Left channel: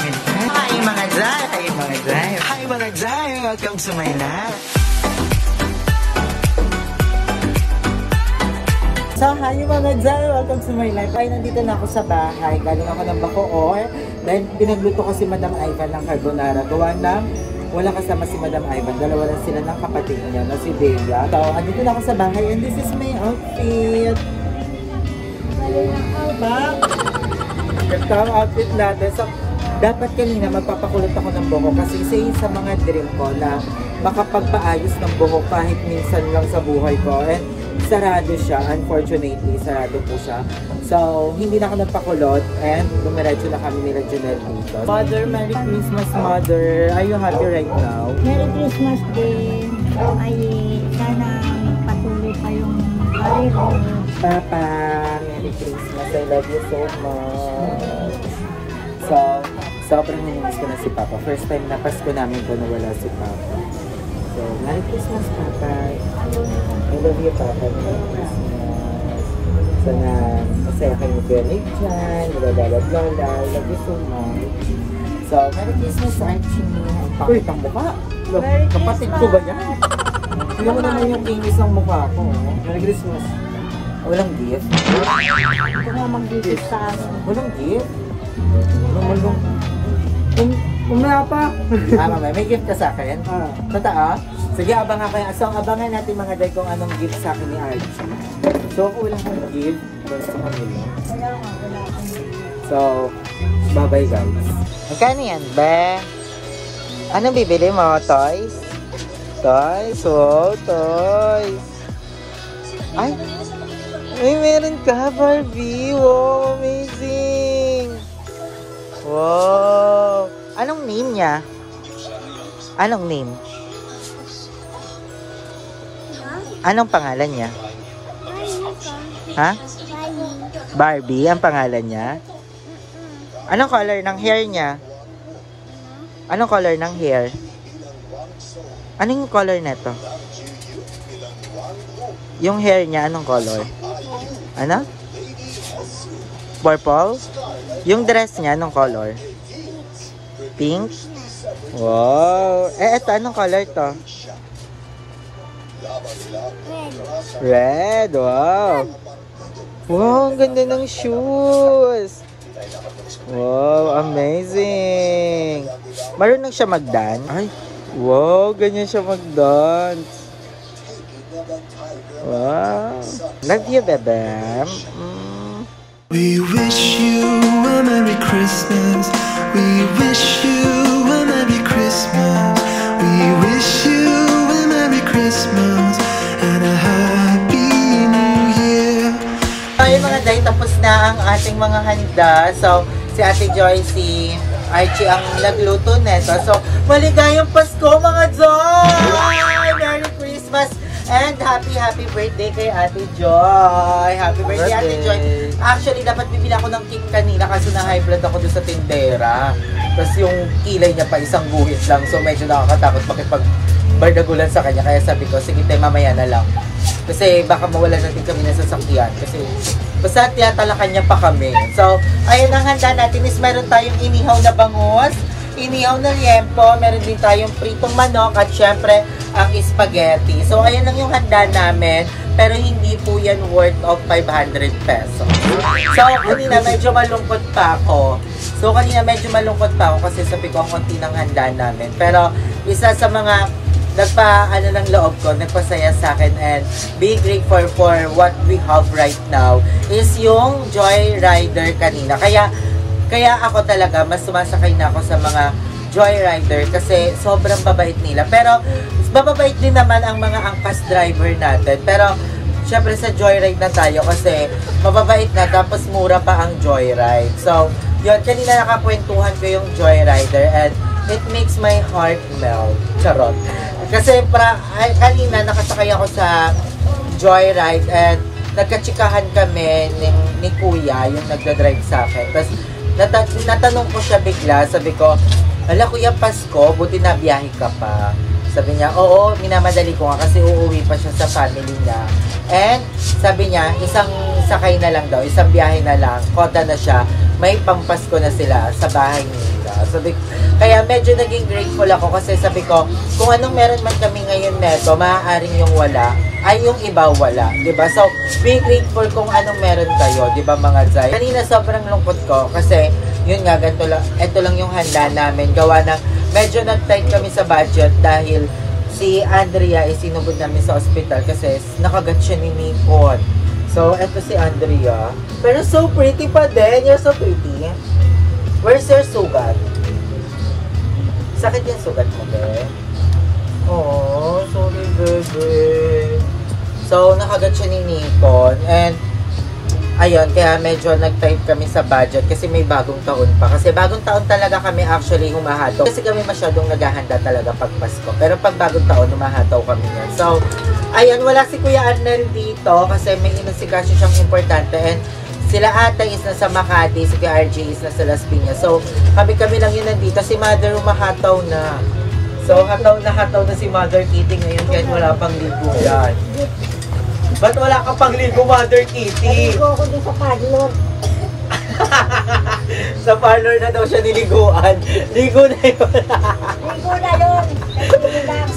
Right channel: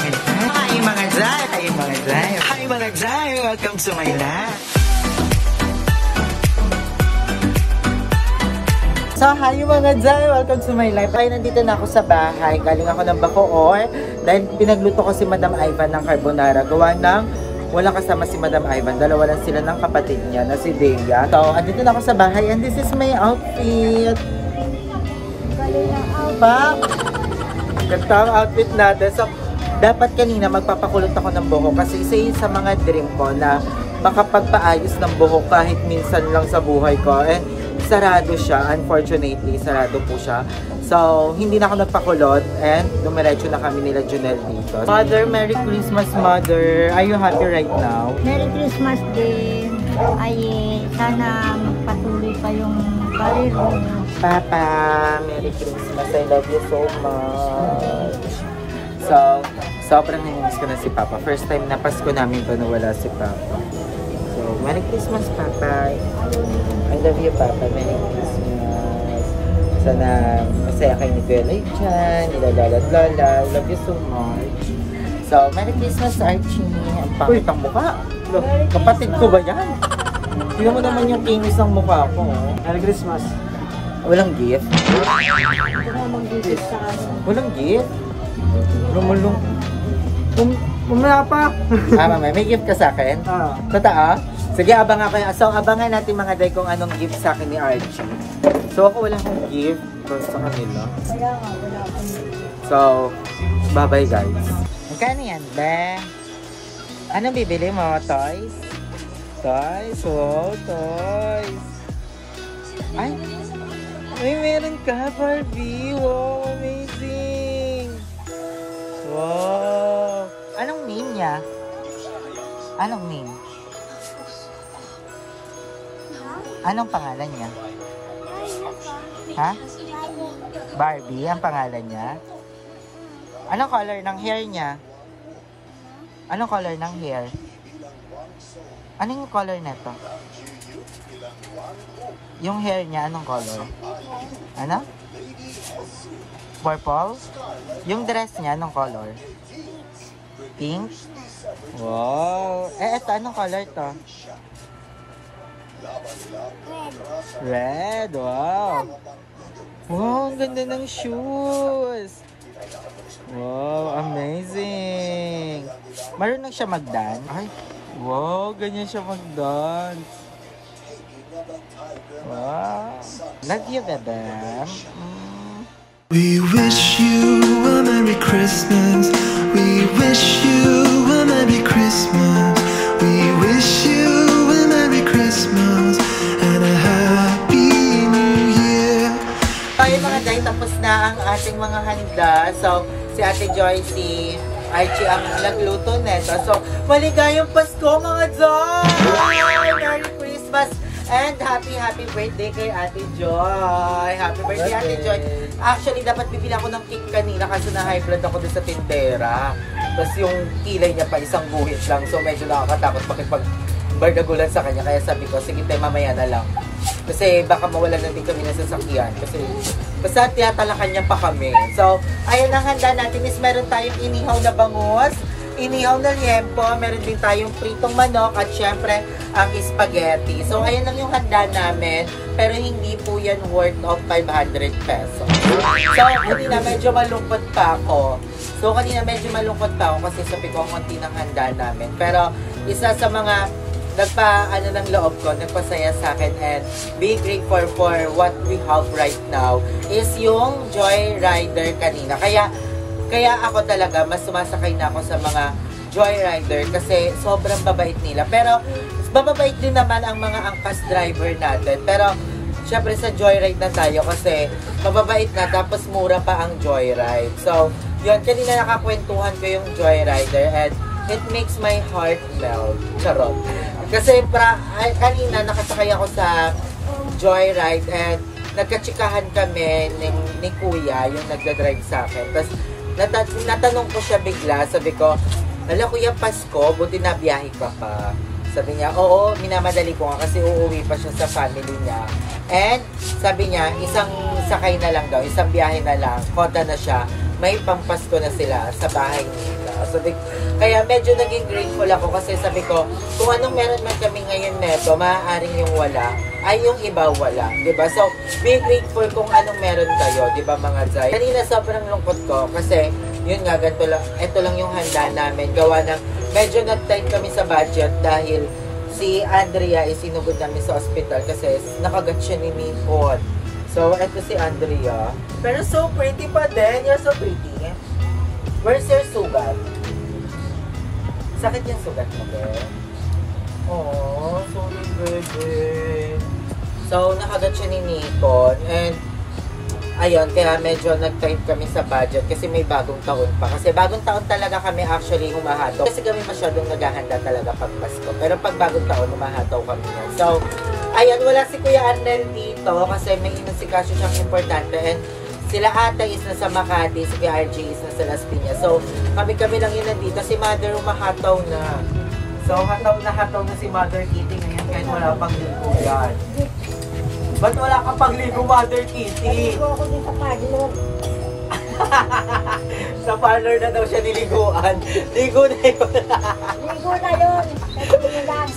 mga Zay. Hi mga Zay! Hi mga Zay! Hi mga Zay! Welcome to my life! So, hi mga Zay! Welcome to my life! Ay, nandito na ako sa bahay. Galing ako ng Bacoor dahil pinagluto ko si Madam Ivan ng carbonara. Gawa ng walang kasama si Madam Ivan. Dalawa lang sila ng kapatid niya na si Dea. So, andito na ako sa bahay and this is my outfit. Ito ang outfit natin. So, dapat kanina magpapakulot ako ng buhok kasi isa yun sa mga dream ko na makapagpaayos ng buhok kahit minsan lang sa buhay ko. Eh, sarado siya. Unfortunately, sarado po siya. So, hindi na ako nagpakulot and dumiretso na kami nila Junel dito. Mother, Merry Christmas, Mother. Are you happy right now? Merry Christmas din. Ay, sana patuloy pa yung barero. Papa, Merry Christmas. I love you so much. So, sobrang nangyamis ko na si Papa. First time na Pasko namin ko na wala si Papa. So, Merry Christmas, Papa. I love you, Papa. Merry Christmas. Sana masaya kayo ni Bella dyan. Lola. I love you so much. So, Merry Christmas, Archie. Ang pangit ang mukha. Kapatid ko ba yan? Tingnan mo naman yung kinis ng mukha ko. Merry Christmas. Walang gift? Ito na mag-gift sa akin. Walang gift? Lumalong. Umaya pa. May gift ka sa akin? Totoo? Sige, abangan kayo. So, abangan natin mga day kung anong gift sa akin ni Archie. So, ako wala akong gift sa kanila. Wala akong gift. So, bye-bye guys. Magkano yan, be? Anong bibili mo? Toys? Toys? Wow, toys. Ay! Ay, meron ka, Barbie. Wow, amazing. Wow. Anong name niya? Anong name? Anong pangalan niya? Ha? Barbie, ang pangalan niya? Anong color ng hair niya? Anong color ng hair? Anong color nito? Yung hair niya, anong color? Ano? Purple? Yung dress niya, anong color? Pink? Wow! Eh, ito, anong color to? Red! Wow! Wow, ang ganda ng shoes! Wow, amazing! Marunong siya mag-dance? Ay, wow, ganyan siya mag-dance. Wow. Love you, bebe. We wish you a Merry Christmas. We wish you a Merry Christmas. We wish you a Merry Christmas and a Happy New Year. Okay mga day, tapos na ang ating mga handa. So, si Ate Joy, si Archie ang nagluto neto. So, maligayang Pasko mga Joy! Merry Christmas! And happy birthday kay Ate Joy! Happy birthday, Ate Joy! Actually, dapat bibili ako ng cake kanina kasi na high blood ako doon sa tindera. Tapos yung kilay niya pa isang guhit lang. So, medyo nakakatakot makipag-bardagulan sa kanya. Kaya sabi ko, sige tayo mamaya na lang. Kasi baka mawala na din kami ng sasakyan. Kasi basta tiyatalakan niya pa kami. So, ayun ang handa natin is meron tayong inihaw na bangus, inihaw na liempo, meron din tayong pritong manok at syempre ang spaghetti. So, ayan lang yung handa namin. Pero hindi po yan worth of 500 pesos. So, kanina medyo malungkot pa ako. Kasi sabi ko ang konti ng handa namin. Pero isa sa mga nagpa-ano ng loob ko, nagpasaya sa akin and be grateful for what we have right now is yung Joyrider kanina. Kaya ako talaga, mas sumasakay na ako sa mga Joyrider kasi sobrang babait nila. Pero, bababait din naman ang mga angkas driver natin. Pero, syempre sa Joyride na tayo kasi mababait na tapos mura pa ang Joyride. So, yun, kanina nakakwentuhan ko yung Joyrider and it makes my heart melt. Charot. Kasi kanina nakasakay ako sa Joyride and nagkatsikahan kami ni Kuya, yung nagdadrive sa akin. Tapos, natanong ko siya bigla, sabi ko, hala Kuya Pasko, buti na biyahe ka pa. Sabi niya, oo, minamadali ko nga kasi uuwi pa siya sa family niya. And sabi niya, isang sakay na lang daw, isang biyahe na lang, koda na siya, may pangpasko na sila sa bahay nila. wala. Kaya medyo naging grateful ako kasi sabi ko, kung anong meron man kami ngayon neto, maaaring yung wala, ay yung iba wala. Diba? So, be grateful kung anong meron kayo. Diba mga Zay? Kanina sobrang lungkot ko kasi, yun nga, ito lang yung handa namin. Gawa ng, medyo nag-tight kami sa budget dahil si Andrea ay sinubod namin sa ospital kasi nakagat siya ni Nikon. So, eto si Andrea. Pero so pretty pa din. You're so pretty. Where's your sugat? Sakit yung sugat mo, be? Oh, sorry, baby. So, nakagat siya ni Nikon. And, ayun, kaya medyo nag-tight kami sa budget kasi may bagong taon pa. Kasi bagong taon talaga kami actually humahataw. Kasi kami masyadong naghahanda talaga pag Pasko. Pero pag bagong taon, humahataw kami yan. So, ayun, wala si Kuya Arnel dito kasi may inasikaso siyang importante. And sila ata is nasa Makati, si Kuya RJ is nasa Las Piñas. So, kami lang yun nandito. Si Mother humahataw na. So, hataw na si Mother Kitty ngayon kahit wala pang linggo yan. Ba't wala ka pang linggo, Mother Kitty? Naligo ako din sa parlor. Sa parlor na daw siya niliguan. Ligo na yun. Ligo na yun.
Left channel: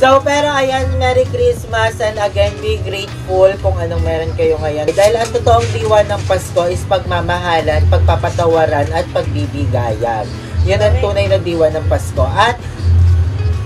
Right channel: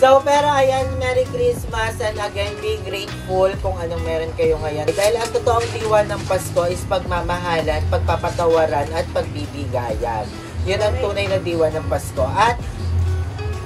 So, pero ayan, Merry Christmas and again, be grateful kung anong meron kayo ngayon. Dahil ang totoong diwa ng Pasko is pagmamahalan, pagpapatawaran at pagbibigayan. Yan ang tunay na diwa ng Pasko. At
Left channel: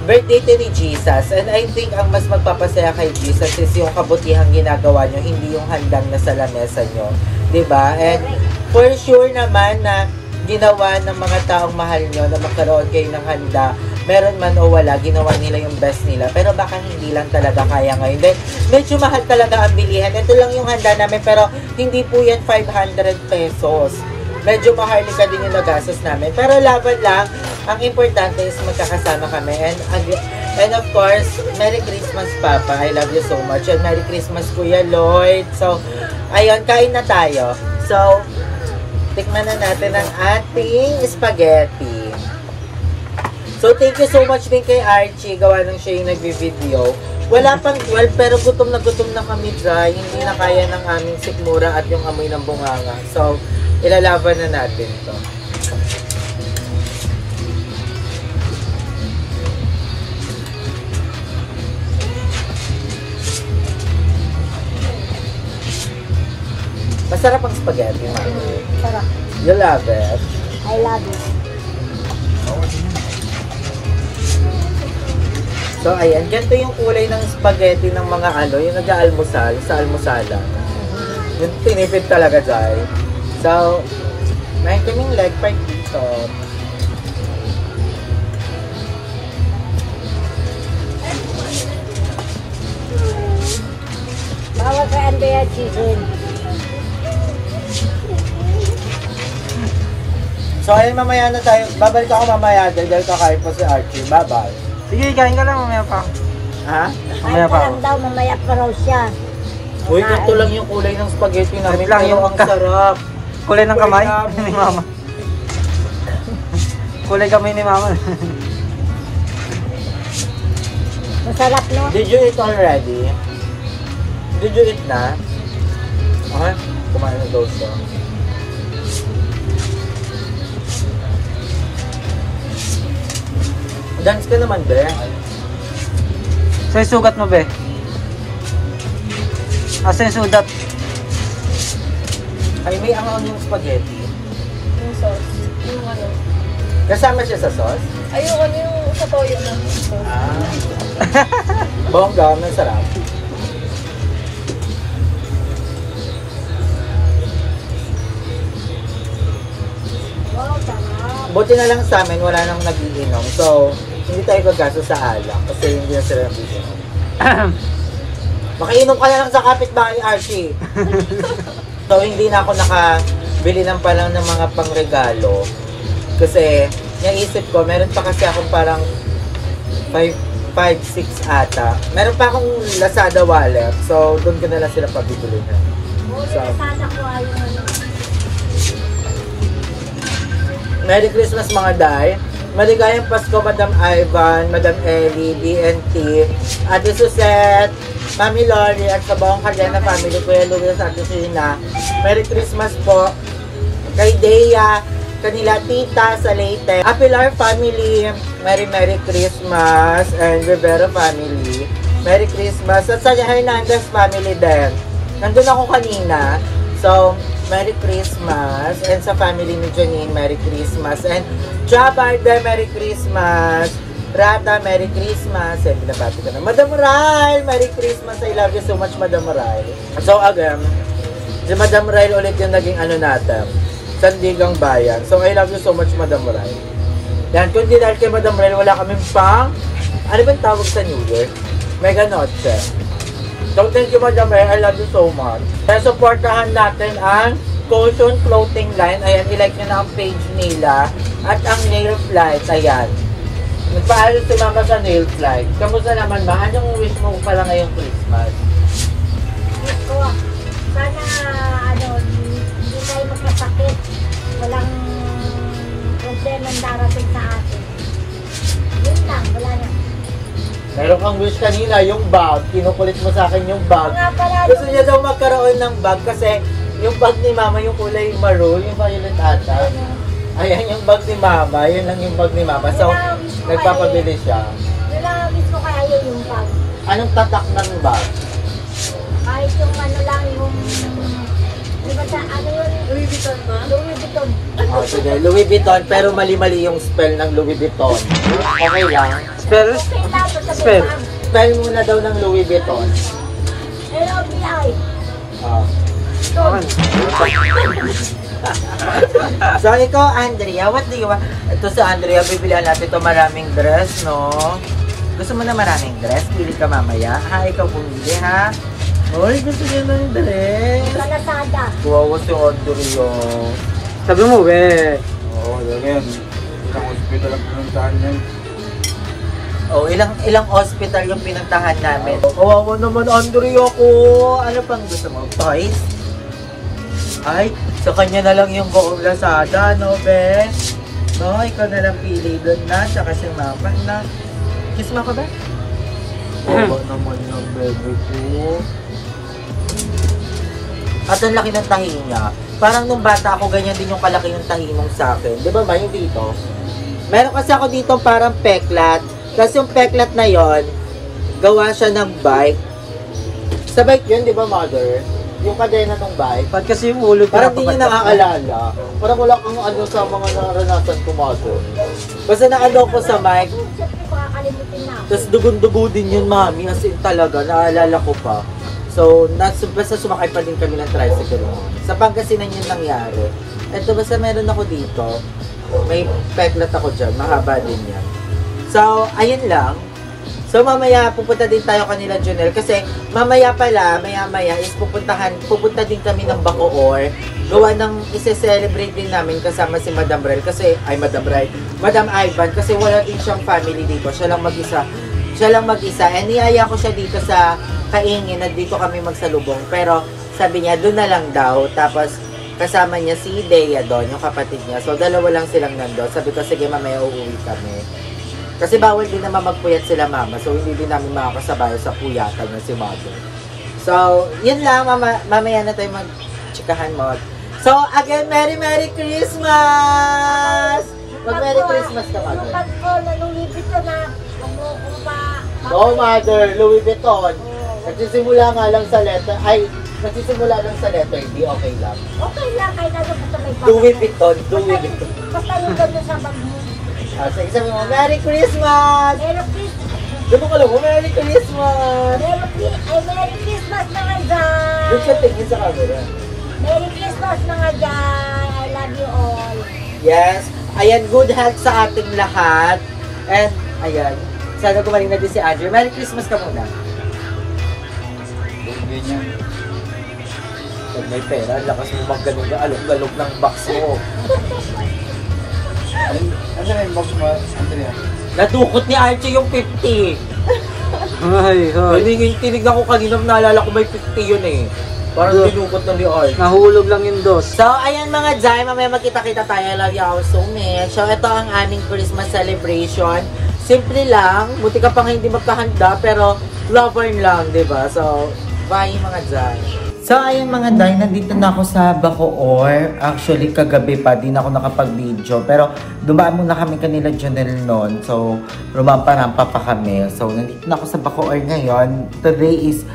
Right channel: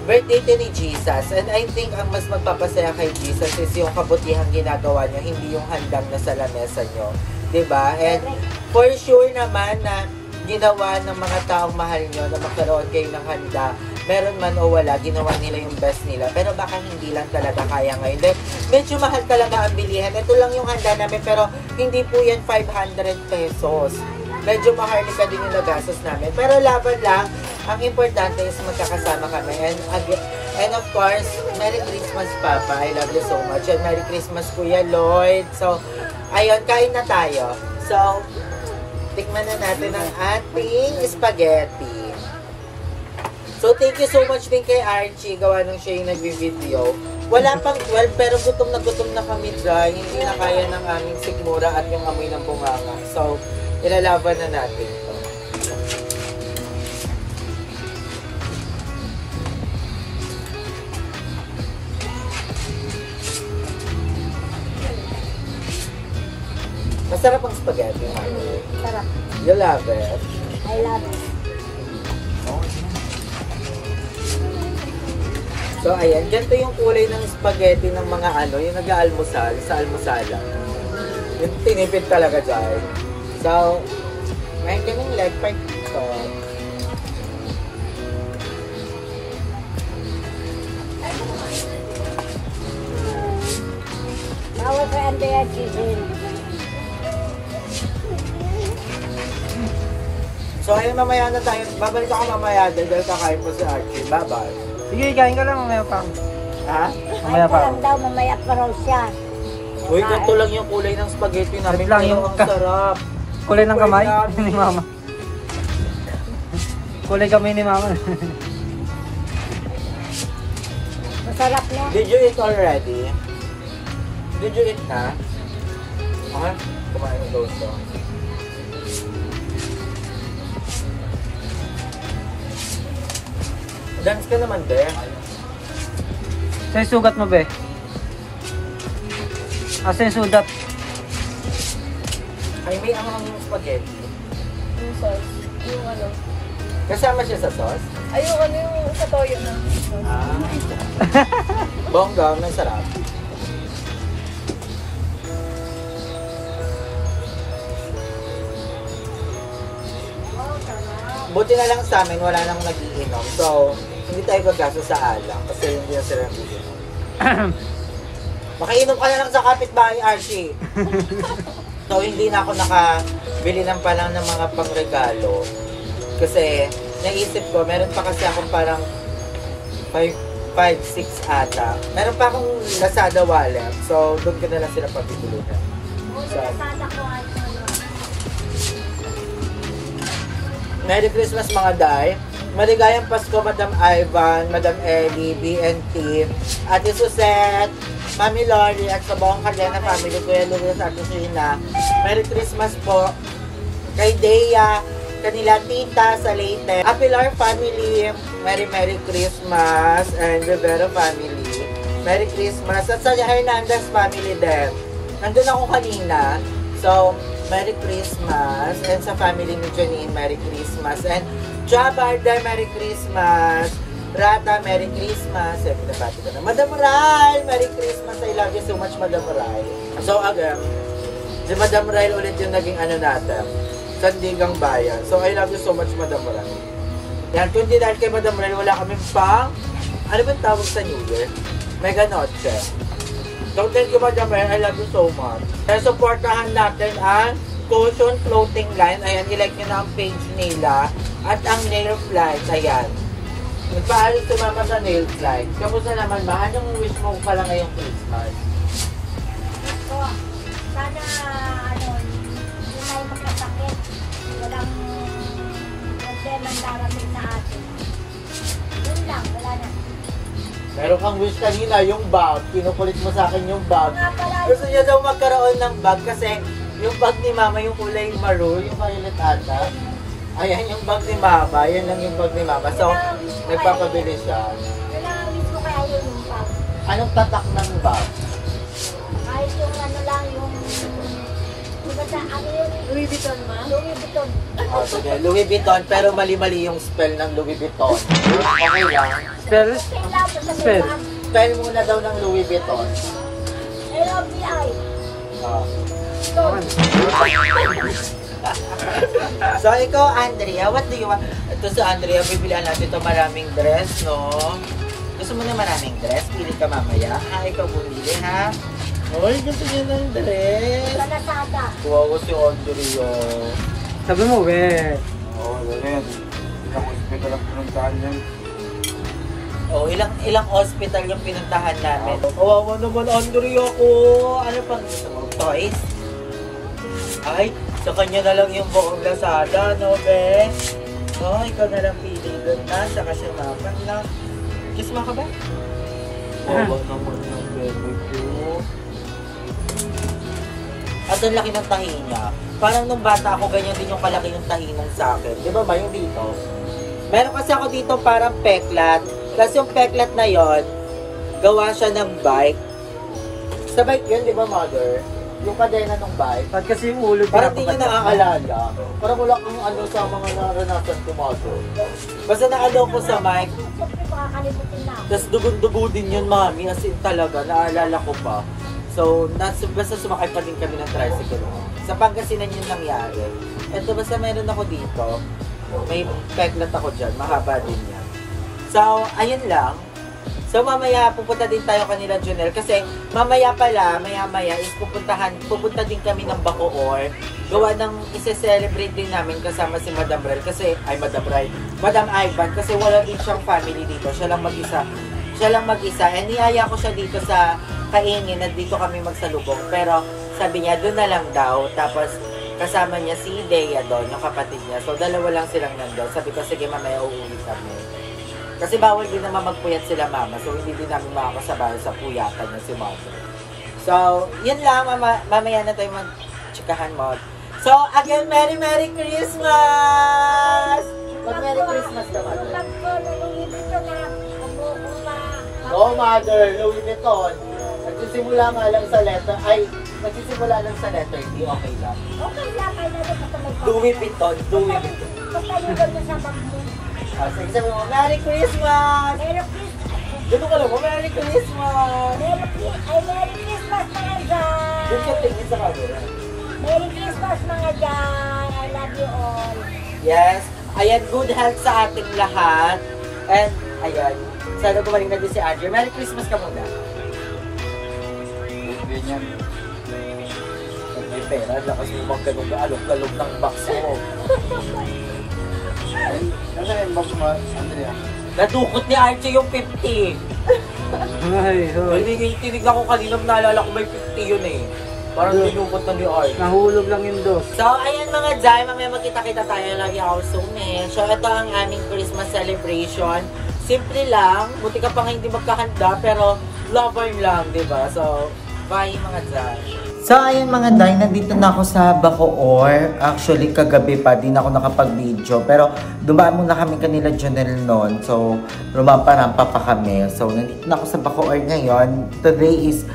birthday to ni Jesus. And I think ang mas magpapasaya kay Jesus is yung kabutihang ginagawa nyo, hindi yung handang nasa lamesa nyo. Diba? And for sure naman na ginawa ng mga taong mahal nyo na magkaroon kayo ng handa, meron man o wala, ginawa nila yung best nila. Pero baka hindi lang talaga kaya ngayon. Then, medyo mahal talaga ang bilihan. Ito lang yung handa namin, pero hindi po yan 500 pesos. Medyo mahal ka din yung nagastos namin. Pero laban lang, ang importante is magkakasama kami. And of course, Merry Christmas, Papa. I love you so much. And Merry Christmas, Kuya Lloyd. So, ayun, kain na tayo. So, tikman na natin ang ating spaghetti. So, thank you so much din kay Archie. Gawa nang siya yung nagbi-video. Wala pang 12, pero gutom na kami dry. Hindi na kaya ng aming sikmura at yung amoy ng bunganga. So, ilalaban na natin ito. Masarap ang spaghetti, Mami. Sarap. You love it? I love it. So, ayan. Ganito yung kulay ng spaghetti ng mga yung nag-aalmusal sa almusala. Yung tinipid talaga, Jai. So, may kaming leg part ito. Bawal sa Andrea chicken. So, ayun, mamaya na tayo. Babalik ako mamaya dahil kakain po si Archie. Bye-bye. Sige, kain ka lang, mamaya pa. Ha? Mamaya pa. Ay, daw, mamaya pa raw siya. Uy, ganito lang yung kulay ng spaghetti namin. Ganito lang yung ang sarap. Kulay ng kamay Kulay ni Mama. Kulay kamay ni Mama. Masarap, no? Did you eat already? Did you eat na? Ha? Kumain na daw siya. Dance ka naman, be. So, yung sugat mo, be? Asa yung sugat? Ay, may ang yung spaghetti. Yung sauce. Yung ano. Kasama siya sa sauce? Ay, yung ano yung sa toyo na sauce. Bongga, masarap. Buti na lang sa amin, wala nang nagiinom. So, hindi tayo gagasto sa alak kasi hindi na sila nagiinom. Makainom ka na lang sa kapitbahay, Archie. So, hindi na ako nakabili ng palang ng mga pangregalo. Kasi, naisip ko, meron pa kasi akong parang 5, 6 ata. Meron pa akong Lazada wallet. So, doon ko na lang sila pabibilihan. So, Merry Christmas mga day. Maligayang Pasko, Madam Ivan, Madam Ellie, BNT, Ate Suzette, Mami Lori, at sa buong Cardena family, Kuya Luis at Sina. Merry Christmas po kay Dea, kanila tita sa Leyte. Apilar family, Merry Christmas. And Rivera family, Merry Christmas. At sa Hernandez family din. Nandun ako kanina. So, Merry Christmas. And sa family ni Janine, Merry Christmas. And Trabarda, Merry Christmas. Rata, Merry Christmas. And pinapati ka na. Madam Rai, Merry Christmas. I love you so much, Madam Rai. So, again, si Madam Rai ulit yung naging ano natin. Sandigang Bayan. So, I love you so much, Madam Rai. Yan, kung di dahil kay Madam Rai, wala kami pang, ano ba yung tawag sa New Year? Mega Noche. So, thank you, Madam Rai. I love you so much. Kaya supportahan natin ang Caution Clothing Line. Ayan, ilike nyo na ang page nila. At ang Nail Flight. Ayan. Nagpaalam si Mama sa Nail Flight. Kamusta naman, Ma? Anong wish mo pala ngayong Christmas? Wish ko, sana, hindi tayo magkasakit. Walang problema darating sa atin. Yun lang, wala na. Meron kang wish kanina, yung bag. Kinukulit mo sa akin yung bag. Nga pala, Gusto niya daw magkaroon ng bag kasi yung bag ni Mama, yung kulay maroon, yung violet ata. Ayan yung bag ni Mama, yun lang yung bag ni Mama. So, nagpapabili siya. yun lang mismo kaya yun yung bag. Anong tatak ng bag? Kahit yung ano lang, yung... Di ba sa ano yun? Louis Vuitton ba? Louis Vuitton. Oh, sige, Louis Vuitton, pero mali-mali yung spell ng Louis Vuitton. Okay lang. Spell? Spell. Spell muna daw ng Louis Vuitton. L-O-V-I. Oh. Vuitton. So, ikaw, Andrea, what do you want? Ito sa Andrea, bibilihan natin ito maraming dress, no? Gusto mo na maraming dress? Pili ka mamaya. Ha, ikaw bumili, ha? Uy, gusto niya ng dress. Sa Lazada. Kuwawa si Andrea. Sabi mo, we. Oo, yan. Isang hospital ang pinuntahan yan. Oh, ilang hospital yung pinuntahan namin. Kawawa naman, Andrea ko. Ano pang gusto mo? Toys? Ay, sa kanya na lang yung buong Lazada, no, Ben? No, ikaw na lang pili doon na, tsaka si Mama na. Kiss mo ako, Ben? Kawawa naman ng bebe ko. At ang laki ng tahi niya. Parang nung bata ako, ganyan din yung kalaki ng tahi mong sa akin. Di ba ba yung dito? Meron kasi ako dito parang peklat. Kasi yung peklat na yon, gawa siya ng bike. Sa bike yun, di ba, Mother? Yung kadena ng bike. Ba't kasi yung ulo Parang di niya nakakaalala. Parang wala kang ano sa mga naranasan ko, Mother. Basta naano ko sa bike. Siyempre, makakalimutin na. Tapos dugun-dugo din yun, Mami. As in talaga, naalala ko pa. So, basta sumakay pa din kami ng tricycle. Sa Pangasinan yun nangyari. Eto, basta meron ako dito. May peklat ako dyan. Mahaba din yan. So, ayun lang. So, mamaya pupunta din tayo kanila, Junel. Kasi, mamaya pala, maya-maya is pupunta din kami ng Bacoor. Gawa ng isi-celebrate din namin kasama si Madam Rel. Kasi, Madam Ivan. Kasi wala din siyang family dito. Siya lang mag-isa. And niyaya ko siya dito sa Kaingin na dito kami magsalubong. Pero sabi niya, doon na lang daw. Tapos kasama niya si Dea doon, yung kapatid niya. So dalawa lang silang nandoon. Sabi ko, sige mamaya uuwi kami. Kasi bawal din naman magpuyat sila mama. So hindi din namin makakasabay sa puyatan niya si mother. So, yun lang. Mamaya na tayo mag-chikahan mo. So, again, Merry Christmas! Mag-Merry Christmas ka, mother. Yung bag ko na Louis Vuitton na ano ko pa. No, mother, Louis Vuitton. Nagsisimula nga lang sa letter, nagsisimula lang sa letter D, okay lang. Okay lang, kahit ano basta may bag. Louis Vuitton. Basta yung ganda sa bag mo. Sige, sabi mo, Merry Christmas! Merry Christmas! Doon mo ka lang mo, Merry Christmas! Merry Christmas mga dyan! Doon ka tingin sa camera. Merry Christmas mga dyan! I love you all! Yes, ayan, good health sa ating lahat. And, ayan, sana gumaling na din si Andrew. Merry Christmas ka muna. Ganyan. Pag may pera, lakas mo magganong na alok-alok ng box mo. Ay, ano yung box mo, Andrea? Nadukot ni Archie yung 50. Ay, Tinignan ko kanina, naalala ko may 50 yun eh. Parang dinukot na ni Archie. nahulog lang yung dos. So, ayan mga Jai, mamaya magkita-kita tayo. Lagi ako sumin. So, ito ang aming Christmas celebration. Simple lang. Buti ka pa nga hindi magkahanda, pero lover lang, di ba? So, bye mga Jai. So, ayun mga day, nandito na ako sa Bacoor. Actually, kagabi pa, di na ako nakapag-video. Pero, dumaan muna kami kanila Jonel noon. So, rumampa-rampa pa kami. So, nandito na ako sa Bacoor ngayon. Today is,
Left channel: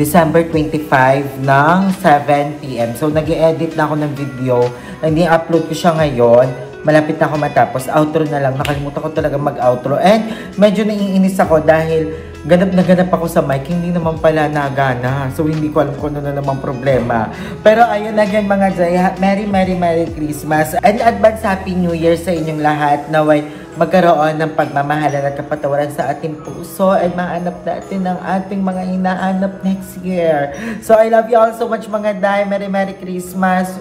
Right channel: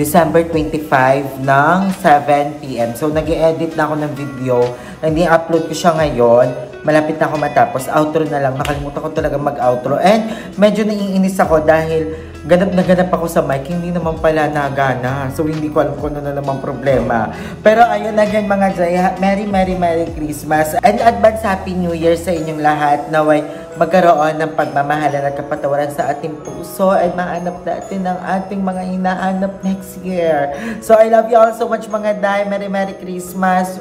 December 25 ng 7 PM. So, nag-i-edit na ako ng video. Nag-i-upload ko siya ngayon. Malapit na ako matapos. Outro na lang. Nakalimutan ko talaga mag-outro. And, medyo naiinis ako dahil ganap na ganap ako sa mic, hindi naman pala nagana. So, hindi ko alam kung ano na namang problema. Pero, ayun again mga Jay, Merry Christmas. And advance Happy New Year sa inyong lahat. Naway magkaroon ng pagmamahalan at kapatawaran sa ating puso ay maanap natin ang ating mga hinaanap next year. So, I love you all so much mga Day. Merry Christmas.